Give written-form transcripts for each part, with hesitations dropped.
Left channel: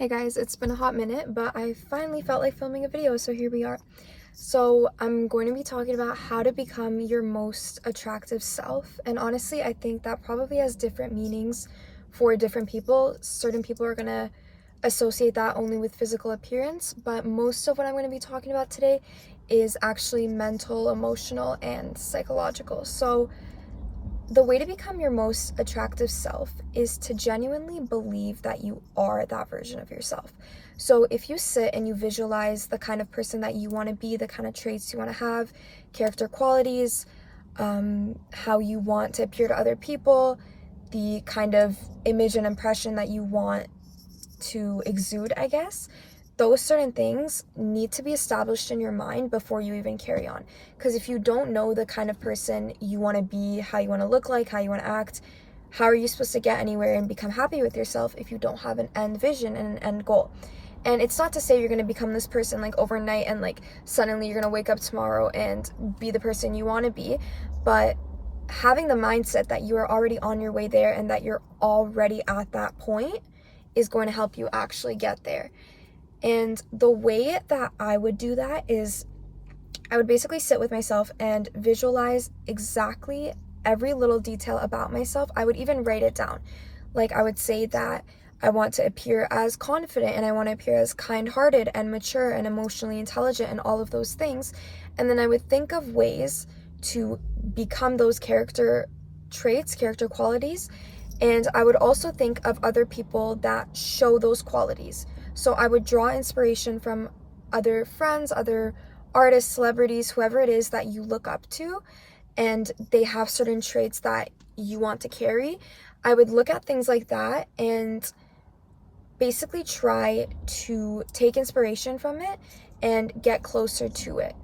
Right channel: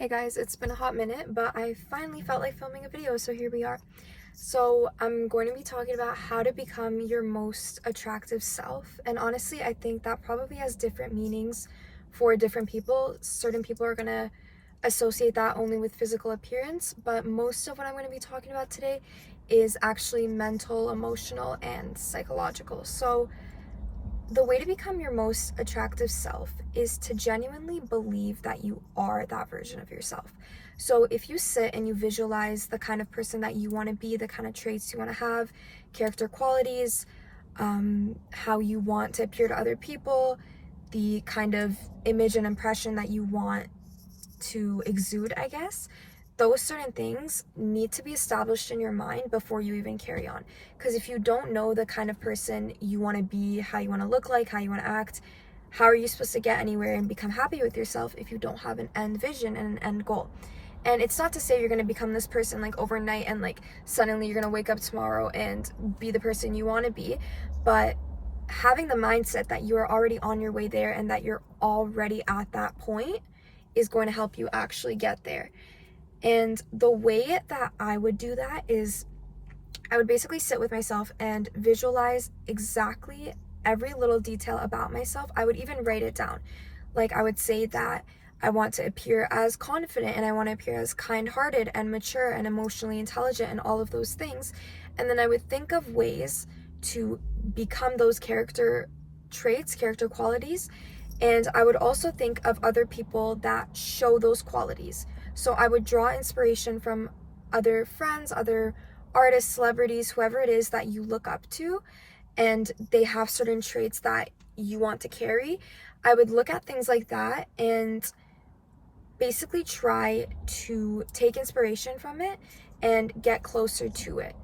Hey guys, it's been a hot minute, but I finally felt like filming a video, so here we are. So I'm going to be talking about how to become your most attractive self, and honestly, I think that probably has different meanings for different people. Certain people are going to associate that only with physical appearance, but most of what I'm going to be talking about today is actually mental, emotional, and psychological. So the way to become your most attractive self is to genuinely believe that you are that version of yourself. So if you sit and you visualize the kind of person that you want to be, the kind of traits you want to have, character qualities, how you want to appear to other people, the kind of image and impression that you want to exude, I guess, those certain things need to be established in your mind before you even carry on. Because if you don't know the kind of person you want to be, how you want to look like, how you want to act, how are you supposed to get anywhere and become happy with yourself if you don't have an end vision and an end goal? And it's not to say you're going to become this person like overnight and like suddenly you're going to wake up tomorrow and be the person you want to be, but having the mindset that you are already on your way there and that you're already at that point is going to help you actually get there. And the way that I would do that is I would basically sit with myself and visualize exactly every little detail about myself. I would even write it down. Like I would say that I want to appear as confident and I want to appear as kind-hearted and mature and emotionally intelligent and all of those things. And then I would think of ways to become those character traits, character qualities. And I would also think of other people that show those qualities. So I would draw inspiration from other friends, other artists, celebrities, whoever it is that you look up to, and they have certain traits that you want to carry. I would look at things like that and basically try to take inspiration from it and get closer to it.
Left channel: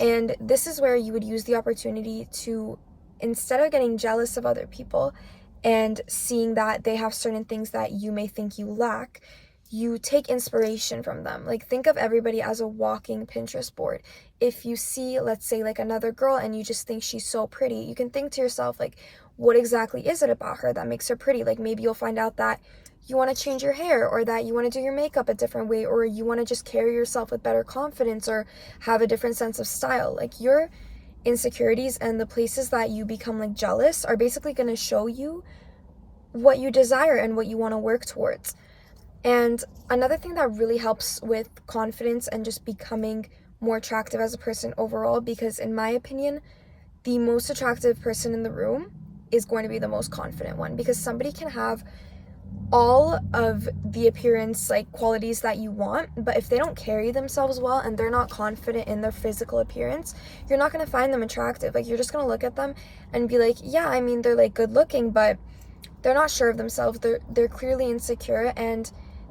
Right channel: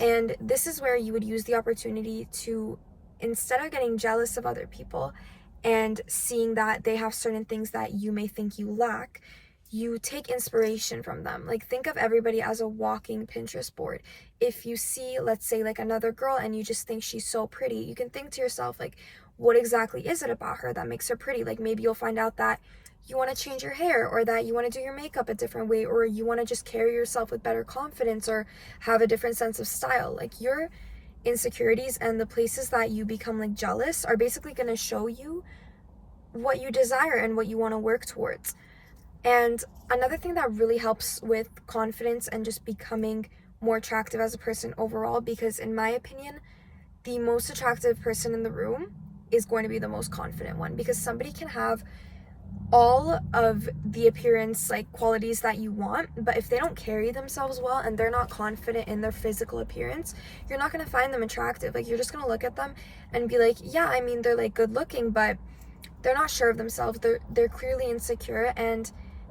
And this is where you would use the opportunity to, instead of getting jealous of other people and seeing that they have certain things that you may think you lack, you take inspiration from them. Like think of everybody as a walking Pinterest board. If you see, let's say, like another girl and you just think she's so pretty, you can think to yourself, like, what exactly is it about her that makes her pretty? Like maybe you'll find out that you want to change your hair, or that you want to do your makeup a different way, or you want to just carry yourself with better confidence or have a different sense of style. Like your insecurities and the places that you become like jealous are basically going to show you what you desire and what you want to work towards. And another thing that really helps with confidence and just becoming more attractive as a person overall, because in my opinion, the most attractive person in the room is going to be the most confident one, because somebody can have all of the appearance like qualities that you want, but if they don't carry themselves well and they're not confident in their physical appearance, you're not going to find them attractive. Like you're just going to look at them and be like, yeah, I mean, they're like good looking, but they're not sure of themselves. They're clearly insecure, and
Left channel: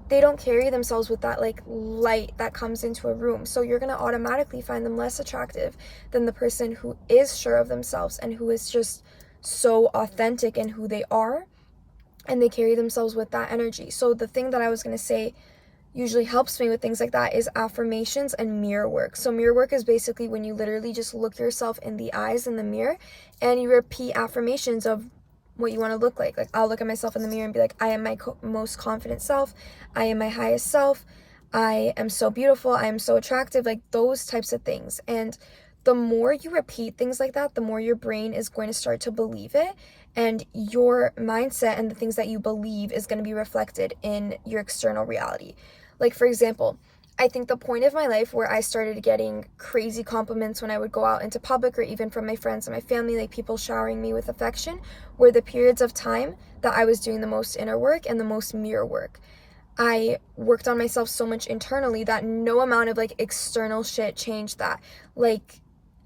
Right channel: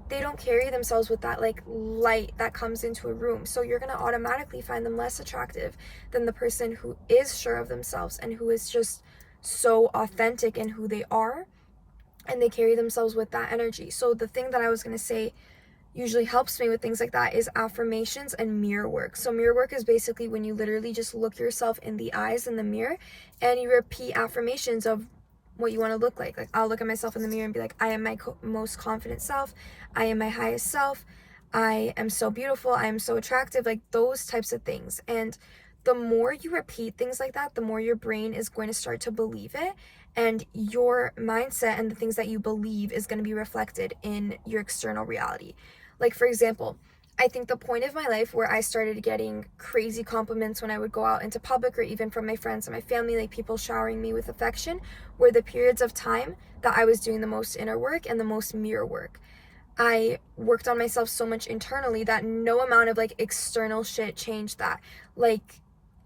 they don't carry themselves with that like light that comes into a room. So you're going to automatically find them less attractive than the person who is sure of themselves and who is just so authentic in who they are, and they carry themselves with that energy. So the thing that I was going to say usually helps me with things like that is affirmations and mirror work. So mirror work is basically when you literally just look yourself in the eyes in the mirror and you repeat affirmations of what you want to look like. Like I'll look at myself in the mirror and be like, I am my most confident self. I am my highest self. I am so beautiful. I am so attractive. Like those types of things. And the more you repeat things like that, the more your brain is going to start to believe it. And your mindset and the things that you believe is going to be reflected in your external reality. Like, for example, I think the point of my life where I started getting crazy compliments when I would go out into public, or even from my friends and my family, like people showering me with affection, were the periods of time that I was doing the most inner work and the most mirror work. I worked on myself so much internally that no amount of like external shit changed that. Like,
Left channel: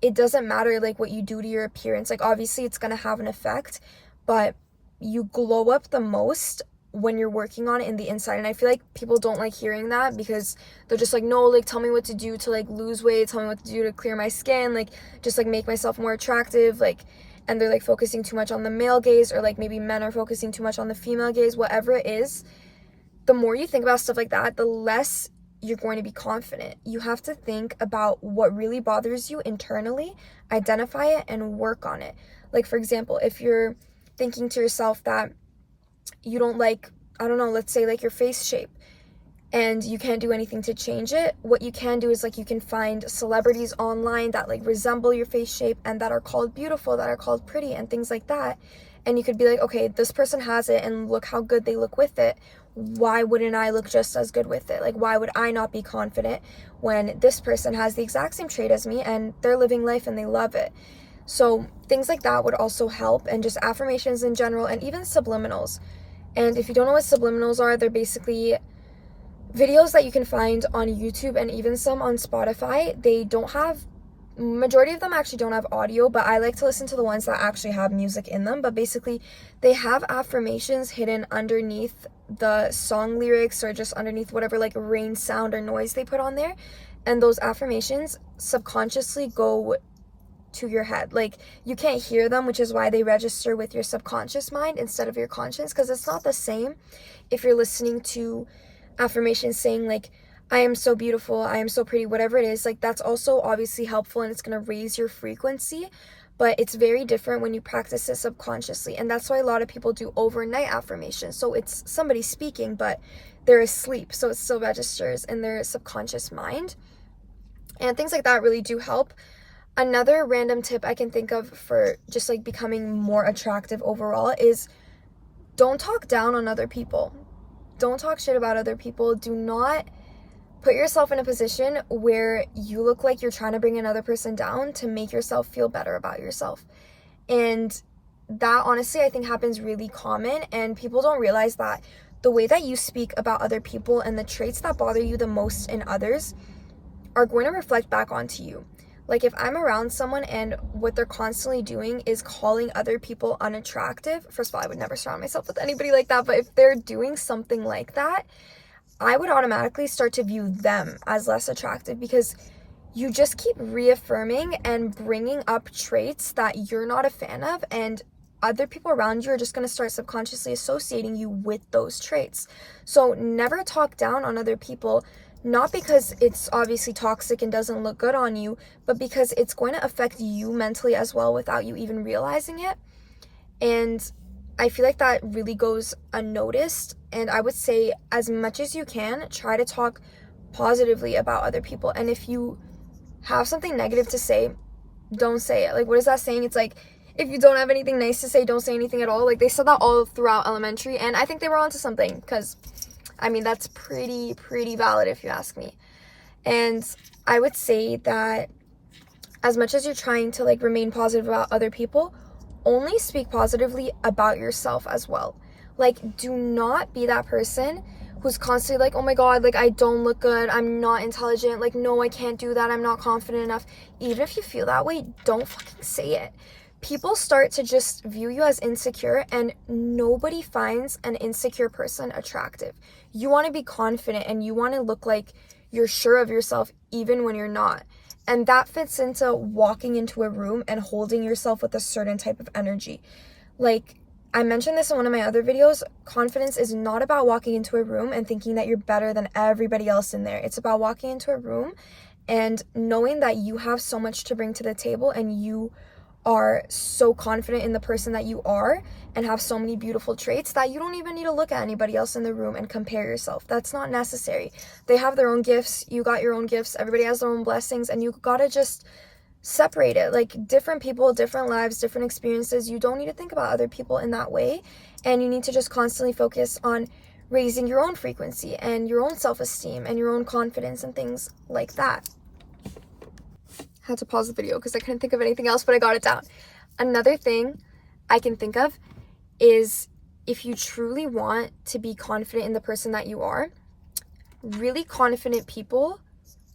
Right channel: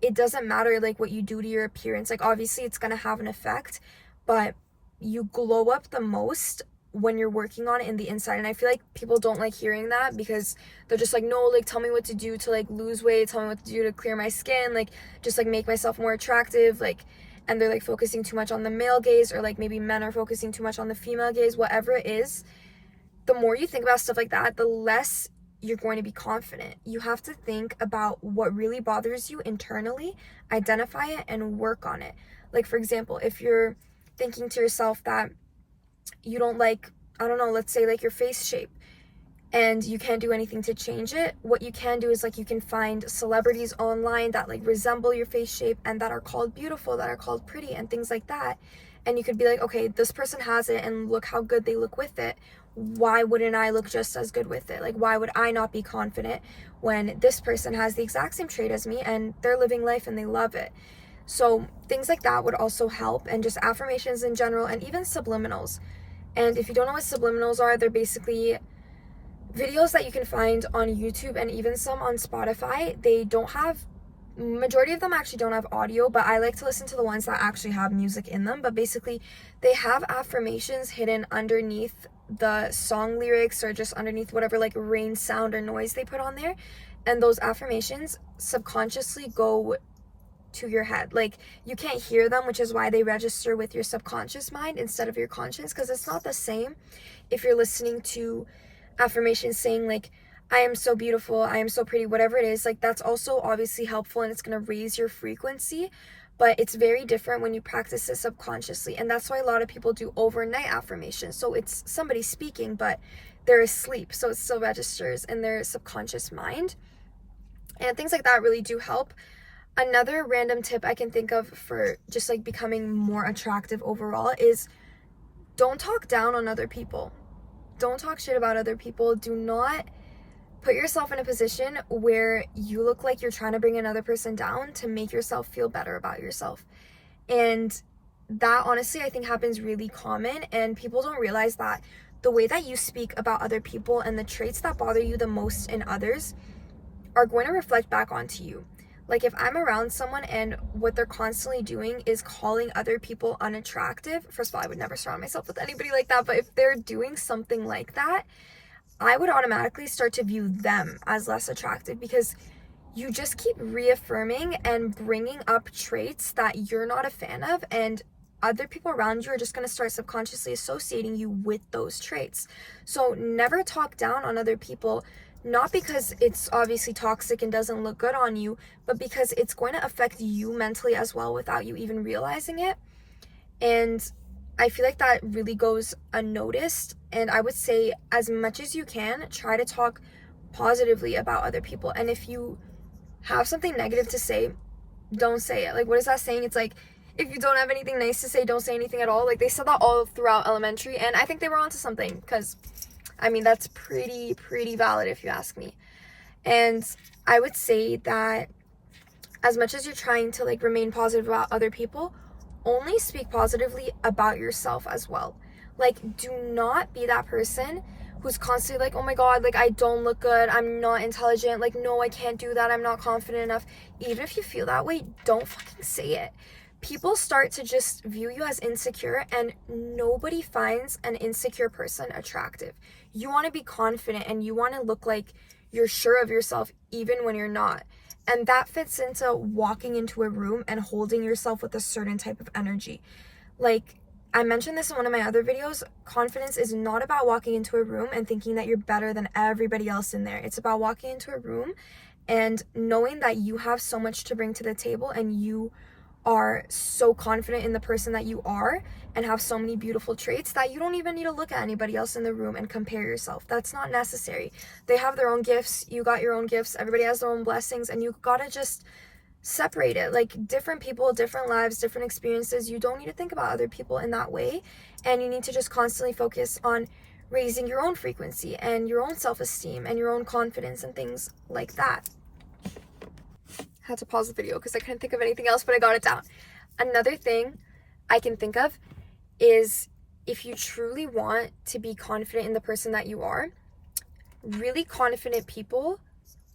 it doesn't matter like what you do to your appearance. Like obviously it's going to have an effect, but you glow up the most when you're working on it in the inside. And I feel like people don't like hearing that, because they're just like, no, like tell me what to do to like lose weight, tell me what to do to clear my skin, like just like make myself more attractive, like, and they're like focusing too much on the male gaze, or like maybe men are focusing too much on the female gaze. Whatever it is, the more you think about stuff like that, the less you're going to be confident. You have to think about what really bothers you internally, identify it, and work on it. Like, for example, if you're thinking to yourself that you don't like, I don't know, let's say like your face shape, and you can't do anything to change it. What you can do is like you can find celebrities online that like resemble your face shape and that are called beautiful, that are called pretty, and things like that. And you could be like, okay, this person has it and look how good they look with it. Why wouldn't I look just as good with it? Like, why would I not be confident when this person has the exact same trait as me and they're living life and they love it? So things like that would also help, and just affirmations in general, and even subliminals. And if you don't know what subliminals are, they're basically videos that you can find on YouTube and even some on Spotify. They don't have, majority of them actually don't have audio, but I like to listen to the ones that actually have music in them. But basically they have affirmations hidden underneath the song lyrics, or just underneath whatever like rain sound or noise they put on there. And those affirmations subconsciously go to your head. Like, you can't hear them, which is why they register with your subconscious mind instead of your conscience, because it's not the same if you're listening to affirmations saying like, I am so beautiful, I am so pretty, whatever it is. Like, that's also obviously helpful and it's going to raise your frequency, but it's very different when you practice it subconsciously. And that's why a lot of people do overnight affirmations. So it's somebody speaking, but they're asleep, so it still registers in their subconscious mind. And things like that really do help. Another random tip I can think of for just like becoming more attractive overall is don't talk down on other people. Don't talk shit about other people. Do not put yourself in a position where you look like you're trying to bring another person down to make yourself feel better about yourself. And that honestly I think happens really common, and people don't realize that the way that you speak about other people and the traits that bother you the most in others are going to reflect back onto you. Like, if I'm around someone and what they're constantly doing is calling other people unattractive, first of all, I would never surround myself with anybody like that, but if they're doing something like that, I would automatically start to view them as less attractive, because you just keep reaffirming and bringing up traits that you're not a fan of, and other people around you are just going to start subconsciously associating you with those traits. So never talk down on other people, not because it's obviously toxic and doesn't look good on you, but because it's going to affect you mentally as well without you even realizing it. And I feel like that really goes unnoticed. And I would say, as much as you can, try to talk positively about other people. And if you have something negative to say, don't say it. Like, what is that saying? It's like, if you don't have anything nice to say, don't say anything at all. Like, they said that all throughout elementary, and I think they were onto something, because I mean, that's pretty valid if you ask me. And I would say that as much as you're trying to like remain positive about other people, only speak positively about yourself as well. Like, do not be that person who's constantly like, oh my god, like, I don't look good, I'm not intelligent, like, no, I can't do that, I'm not confident enough. Even if you feel that way, don't fucking say it. People start to just view you as insecure, and nobody finds an insecure person attractive. You want to be confident and you want to look like you're sure of yourself even when you're not. And that fits into walking into a room and holding yourself with a certain type of energy. Like, I mentioned this in one of my other videos, confidence is not about walking into a room and thinking that you're better than everybody else in there. It's about walking into a room and knowing that you have so much to bring to the table, and you are so confident in the person that you are and have so many beautiful traits that you don't even need to look at anybody else in the room and compare yourself. That's not necessary. They have their own gifts, you got your own gifts, everybody has their own blessings, and you gotta just separate it. Like, different people, different lives, different experiences. You don't need to think about other people in that way, and you need to just constantly focus on raising your own frequency and your own self-esteem and your own confidence and things like that. Had to pause the video because I couldn't think of anything else, but I got it down. Another thing I can think of is, if you truly want to be confident in the person that you are, really confident people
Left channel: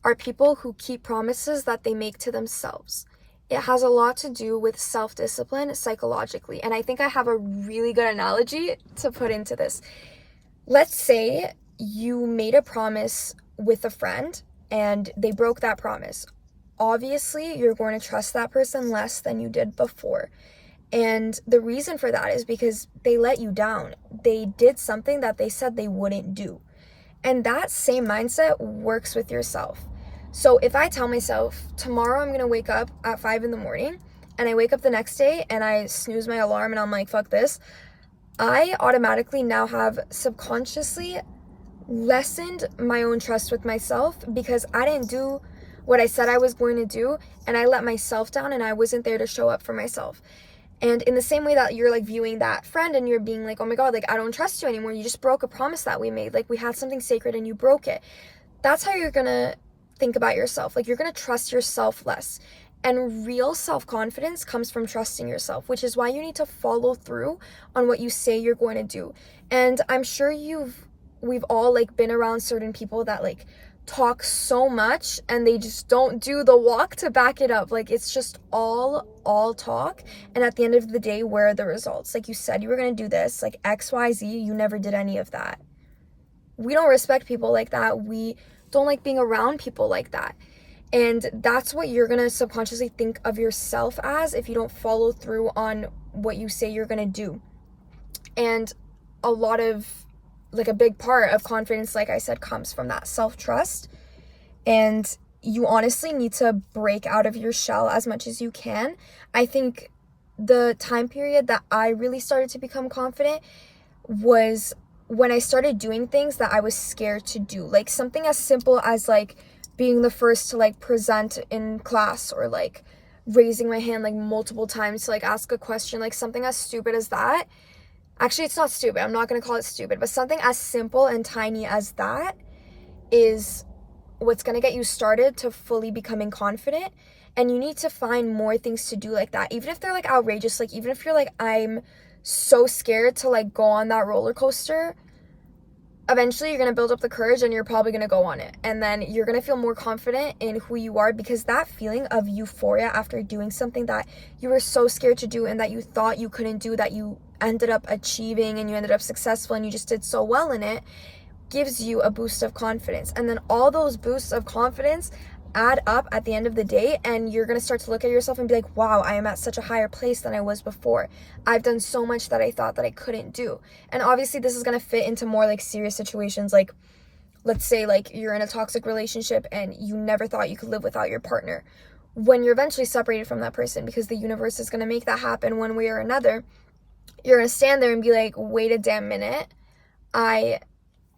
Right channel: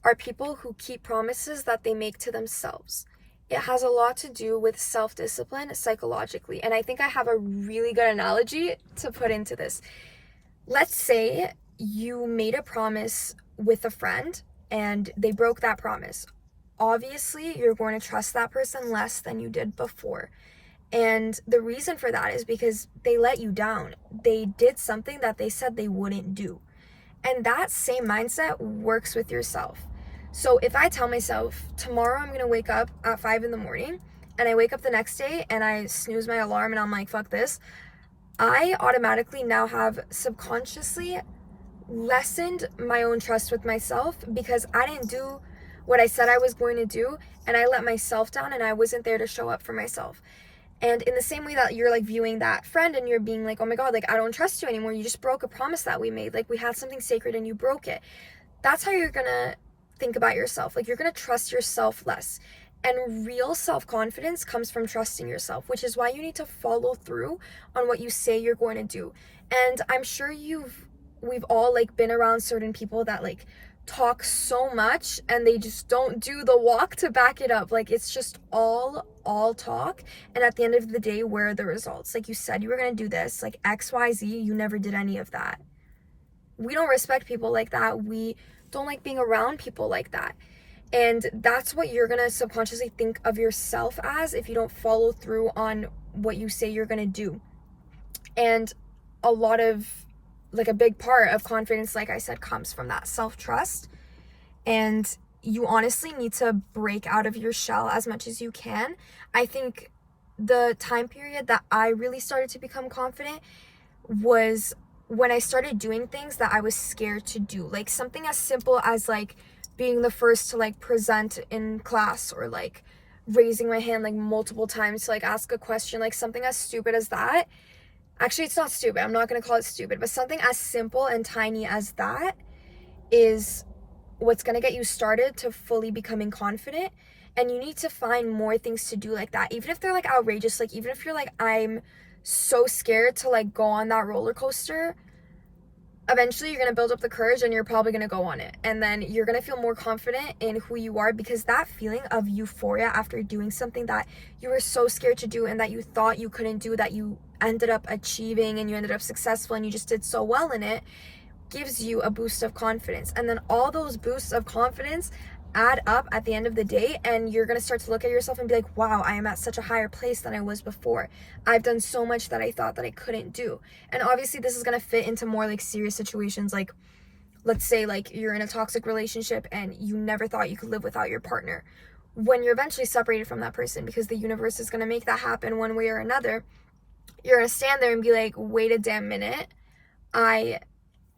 are people who keep promises that they make to themselves. It has a lot to do with self-discipline psychologically, and I think I have a really good analogy to put into this. Let's say you made a promise with a friend and they broke that promise. Obviously, you're going to trust that person less than you did before. And the reason for that is because they let you down. They did something that they said they wouldn't do. And that same mindset works with yourself. So if I tell myself, tomorrow I'm going to wake up at 5 in the morning, and I wake up the next day and I snooze my alarm and I'm like, fuck this, I automatically now have subconsciously lessened my own trust with myself because I didn't do what I said I was going to do, and I let myself down, and I wasn't there to show up for myself. And in the same way that you're like viewing that friend and you're being like, oh my God, like I don't trust you anymore. You just broke a promise that we made. Like we had something sacred and you broke it. That's how you're gonna think about yourself. Like you're gonna trust yourself less. And real self-confidence comes from trusting yourself, which is why you need to follow through on what you say you're going to do. And I'm sure we've all like been around certain people that like talk so much and they just don't do the walk to back it up. Like it's just all talk, and at the end of the day, where are the results? Like you said you were going to do this, like XYZ, you never did any of that. We don't respect people like that. We don't like being around people like that. And that's what you're going to subconsciously think of yourself as if you don't follow through on what you say you're going to do. And a lot of, like a big part of confidence, like I said, comes from that self-trust. And you honestly need to break out of your shell as much as you can. I think the time period that I really started to become confident was when I started doing things that I was scared to do. Like something as simple as like being the first to like present in class, or like raising my hand like multiple times to like ask a question, like something as stupid as that. Actually, it's not stupid. I'm not going to call it stupid, but something as simple and tiny as that is what's going to get you started to fully becoming confident. And you need to find more things to do like that, even if they're like outrageous. Like even if you're like, I'm so scared to like go on that roller coaster, eventually you're going to build up the courage and you're probably going to go on it. And then you're going to feel more confident in who you are, because that feeling of euphoria after doing something that you were so scared to do and that you thought you couldn't do, that you ended up achieving and you ended up successful and you just did so well in it, gives you a boost of confidence. And then all those boosts of confidence add up at the end of the day, and you're going to start to look at yourself and be like, wow, I am at such a higher place than I was before. I've done so much that I thought that I couldn't do. And obviously this is going to fit into more like serious situations. Like let's say like you're in a toxic relationship and you never thought you could live without your partner. When you're eventually separated from that person, because the universe is going to make that happen one way or another, you're going to stand there and be like, wait a damn minute, I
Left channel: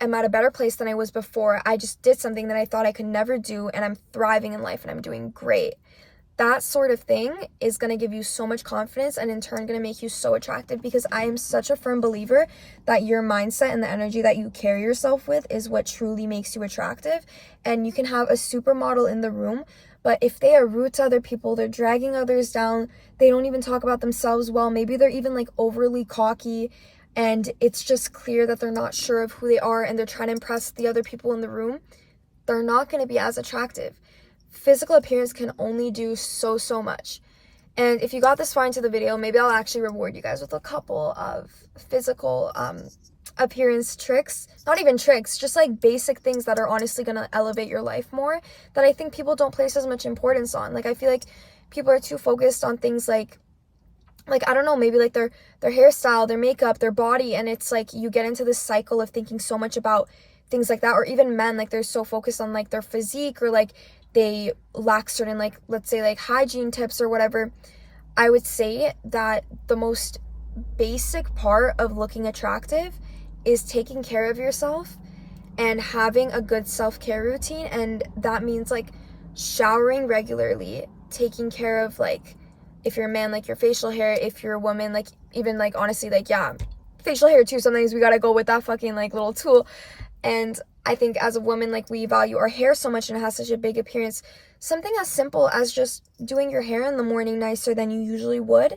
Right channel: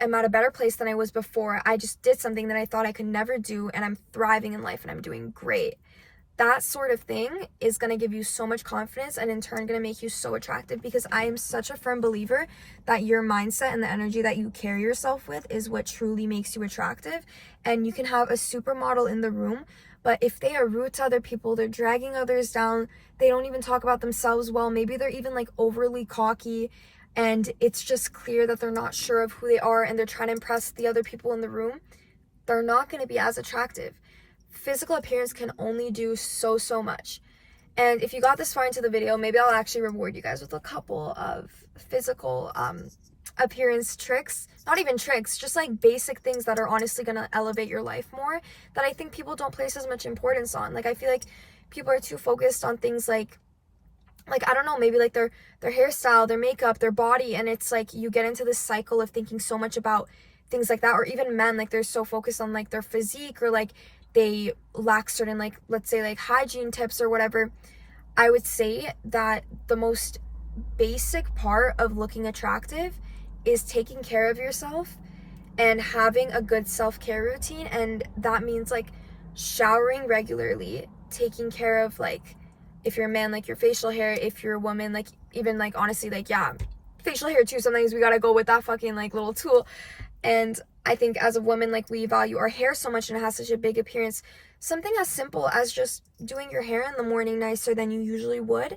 am at a better place than I was before. I just did something that I thought I could never do, and I'm thriving in life and I'm doing great. That sort of thing is going to give you so much confidence, and in turn going to make you so attractive, because I am such a firm believer that your mindset and the energy that you carry yourself with is what truly makes you attractive. And you can have a supermodel in the room, but if they are rude to other people, they're dragging others down, they don't even talk about themselves well, maybe they're even like overly cocky, and it's just clear that they're not sure of who they are and they're trying to impress the other people in the room, they're not going to be as attractive. Physical appearance can only do so much. And if you got this far into the video, maybe I'll actually reward you guys with a couple of physical appearance tricks. Not even tricks, just like basic things that are honestly going to elevate your life more, that I think people don't place as much importance on. Like I feel like people are too focused on things like I don't know, maybe like their hairstyle, their makeup, their body, and it's like you get into this cycle of thinking so much about things like that. Or even men, like they're so focused on like their physique, or like they lack certain, like let's say like hygiene tips or whatever. I would say that the most basic part of looking attractive is taking care of yourself and having a good self-care routine. And that means like showering regularly, taking care of, like, if you're a man, like your facial hair, if you're a woman, like even like honestly, like yeah, facial hair too, sometimes we gotta go with that fucking like little tool. And I think as a woman, like we value our hair so much and it has such a big appearance. Something as simple as just doing your hair in the morning nicer than you usually would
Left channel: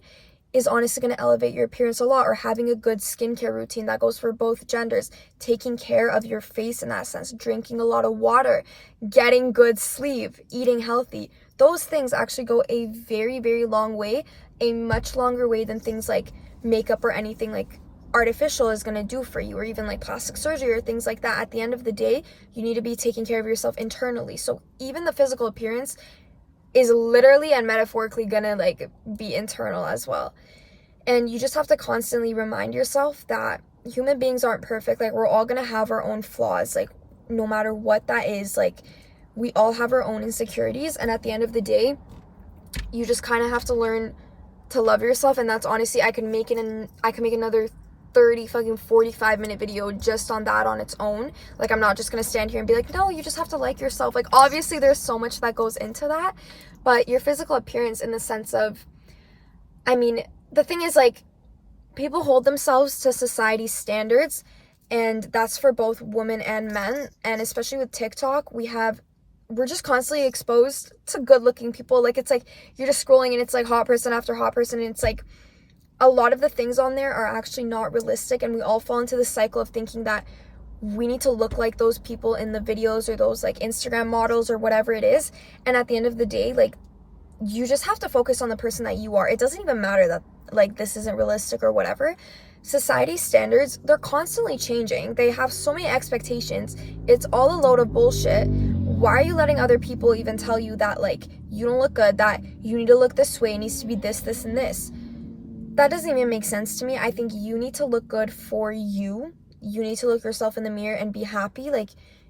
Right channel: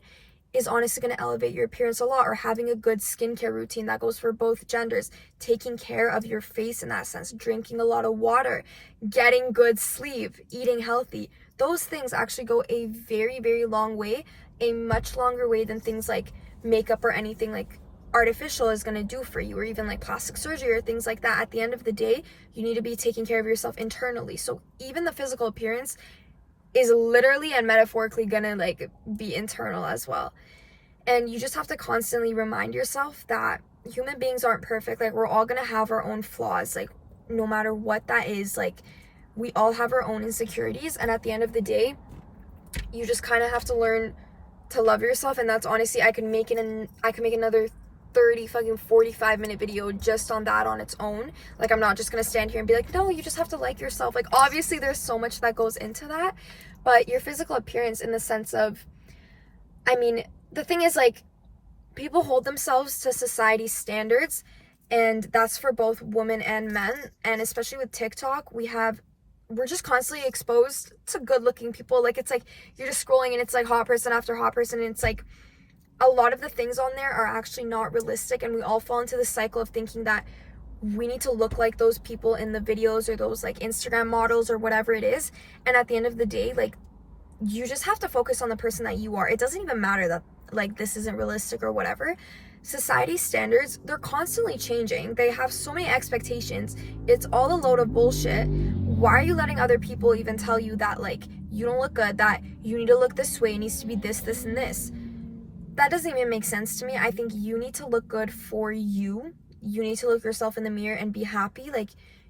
is honestly going to elevate your appearance a lot. Or having a good skincare routine that goes for both genders, taking care of your face in that sense, drinking a lot of water, getting good sleep, eating healthy. Those things actually go a very long way, a much longer way than things like makeup or anything like artificial is going to do for you, or even like plastic surgery or things like that. At the end of the day, you need to be taking care of yourself internally. So even the physical appearance is literally and metaphorically gonna like be internal as well. And you just have to constantly remind yourself that human beings aren't perfect. Like we're all gonna have our own flaws, like no matter what that is. Like we all have our own insecurities, and at the end of the day, you just kind of have to learn to love yourself. And that's honestly, I can make another 30 fucking 45-minute video just on that on its own. Like, I'm not just gonna stand here and be like, no, you just have to like yourself. Like, obviously there's so much that goes into that, but your physical appearance in the sense of, I mean, the thing is, like, people hold themselves to society's standards, and that's for both women and men. And especially with TikTok, we're just constantly exposed to good looking people. Like, it's like you're just scrolling and it's like hot person after hot person, and it's like a lot of the things on there are actually not realistic, and we all fall into the cycle of thinking that we need to look like those people in the videos or those like Instagram models or whatever it is. And at the end of the day, like, you just have to focus on the person that you are. It doesn't even matter that like this isn't realistic or whatever. Society's standards, they're constantly changing. They have so many expectations. It's all a load of bullshit. Why are you letting other people even tell you that like you don't look good, that you need to look this way, it needs to be this, this, and this? That doesn't even make sense to me. I think you need to look good for you. You need to look yourself in the mirror and be happy. Like,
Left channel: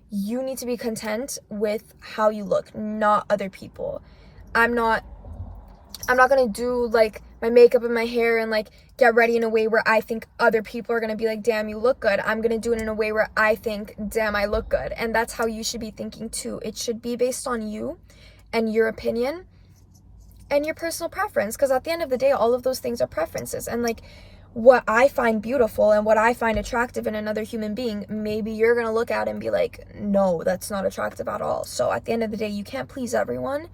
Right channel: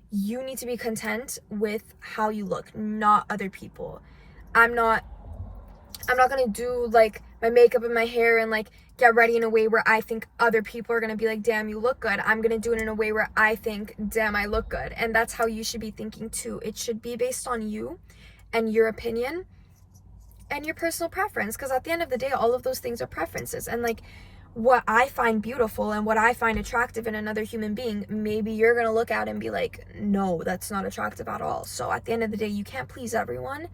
you need to be content with how you look, not other people. I'm not gonna do like my makeup and my hair and like get ready in a way where I think other people are gonna be like, damn, you look good. I'm gonna do it in a way where I think, damn, I look good. And that's how you should be thinking too. It should be based on you and your opinion and your personal preference, because at the end of the day, all of those things are preferences. And like, what I find beautiful and what I find attractive in another human being, maybe you're gonna look at it and be like, no, that's not attractive at all. So at the end of the day, you can't please everyone.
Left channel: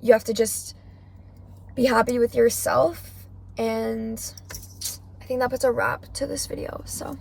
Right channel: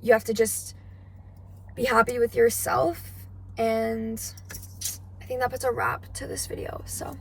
You have to just be happy with yourself. And I think that puts a wrap to this video. So